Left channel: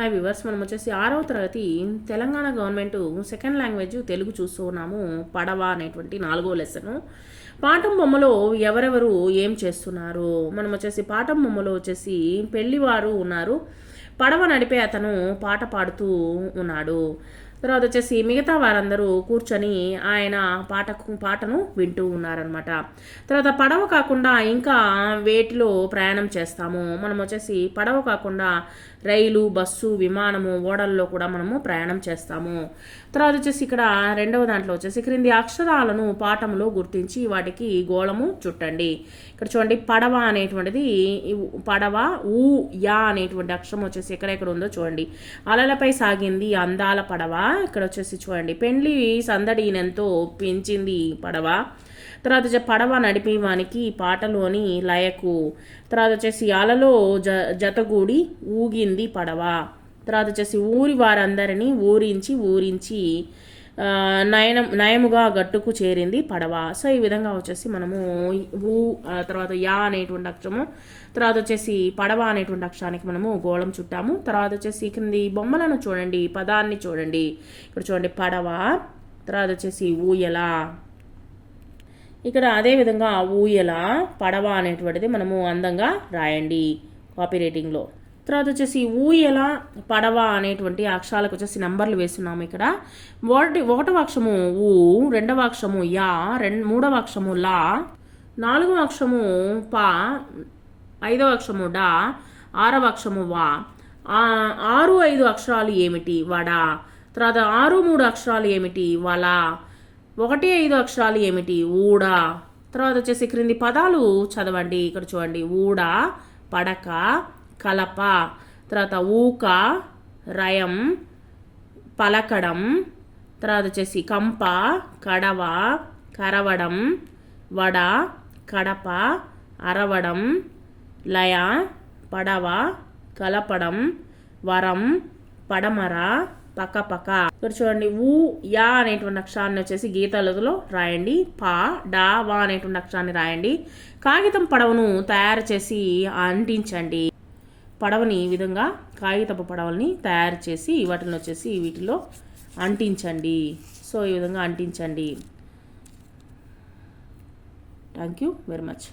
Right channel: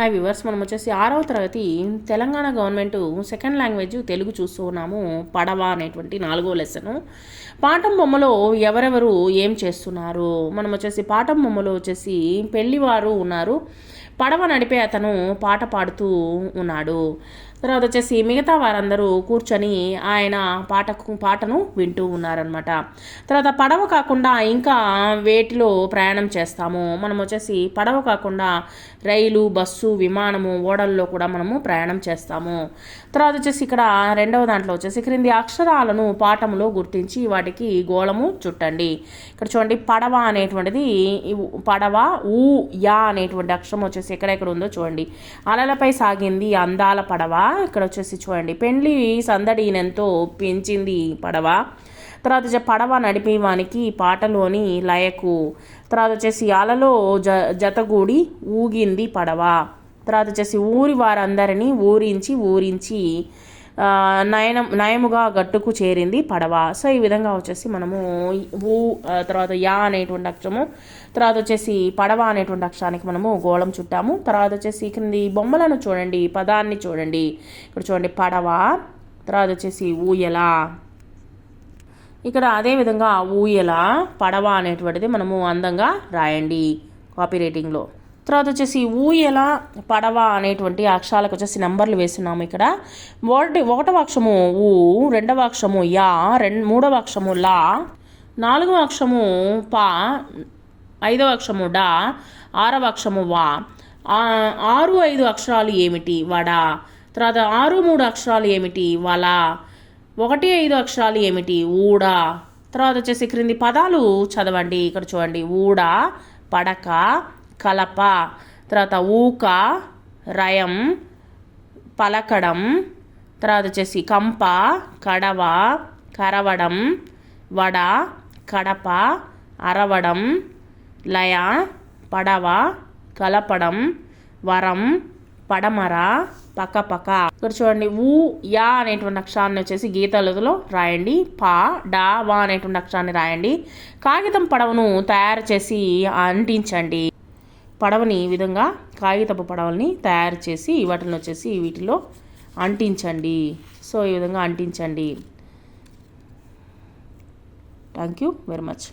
Hi viewers మనం వచ్చేసి ఆరవ తరగతి Telangana government second language Telugu చూస్తూ ఉన్నాము పడవ అనేటువంటి నాలుగో లెసను. పాఠం బొమ్మలో ఎవరెవరు ఏం చేస్తున్నారు? మనం వచ్చేసి పాఠం బొమ్మలో వచ్చేసి పెళ్ళివారు ఉన్నారు. పడవ నడిపే అతను పాట పాడుతూ ఉన్నాడు. తర్వాత వచ్చేసి మిగతా వారందరూ కూర్చొని ఆయన పాటకు పాటను వింటూ ఉన్నారనమాట తర్వాత పడవ కాకుండా ఇంకా వేటిలో ప్రయాణం చేస్తాము మనం వచ్చేసి పడవ కాకుండా రైలు బస్సు విమానము ఓడల్లో కూడా మనము ప్రయాణం చేస్తాము. తర్వాత వచ్చేసి ఇక్కడ రెండవ దాంట్లో వచ్చేసి క్రింది అక్షరాలను పాఠంలో గుర్తించి వాటికి గోళము చుట్టండి. ఇక్కడ చూడండి పడవ అనేటువంటిది పడవ ఊ యా అనేటువంటి అక్షరం వచ్చేసి ఎక్కడెక్కడ ఉందో చూడండి. అలలపై సాగింది అందాల పడవ ఇక్కడ వచ్చేసి చూడండి. పెండ్లి సందడినెంతో పెంచింది పడవ. తర్వాత వచ్చే పడవ నడిపేవానికి పాటలోని లయకు. తర్వాత వచ్చేసి అలలో జ జతగూడి ఊగింది పడవ. తర్వాత వచ్చేసి ఊరి వారందరినీ ఊరించి ఊరించి నయనం నయముగా గట్టుకు చేరింది పడవ. సో ఈ విధంగా వచ్చేసి మనము ఊ తర్వాత యా అనేటువంటి అక్షరము తర్వాత వచ్చేసి పడవ అనేటువంటి అక్షరానికి మనము గోళం చుట్టాము. తర్వాత వచ్చేసి క్రింది బొమ్మలను చూడండి పదాన్ని చూడండి. ఇక్కడ చూడండి పడవ తర్వాత వచ్చేసి ఊయల. ఇక్కడ అదే విధంగా ఊయల పడవ అనేటువంటిది మనము అందంగా రాయండి కాపీ రైటింగ్లో. తర్వాత వచ్చేసి ఊయల పడవ అనేటువంటి అక్షరాలకు వచ్చేసి నెంబర్లు వేస్తున్నాము ఇక్కడ. ఒకటి ఒకటవ అక్షము ఊ రెండవ అక్షము యా రెండు మూడవ అక్షము లా నాలుగవ అక్షము పా ఐదవ అక్షము డా ఆరవ అక్షము వా. ఆరు ఐదు అక్షరాలు ఏమిటి వడ? తర్వాత ఆరు మూడు అక్షరాలు ఏమిటి వల? ఒకటి ఐదు అక్షరాలు ఏమిటి ఊడ? తర్వాత వచ్చేసి క్రింది పదాలు చదవండి. ఇక్కడ చూడండి. ఊడ పడక కలప తర్వాత ఊక రయం పలకడం తర్వాత వచ్చేసి కంప కడవ కరవడం వడ కడప అరవడం లయ పడవ కలపడం వరం పడమర పక్కపక్క ఇక్కడ చూడండి ఊ యా అనేటువంటి అక్షరాన్ని వచ్చేసి గీతాలలో రాయండి. పా డా వా అనేటువంటి అక్షరాన్ని రాయండి. కాగితం పడవను తయారు చేసి అంటించండి. పడవని ఈ విధంగా కాగితపు పడవల్ని తయారు చేసి వాటిని వచ్చేసి వీటిలో అంటించండి. సో ఈ విధంగా అంటించండి. Thank you very much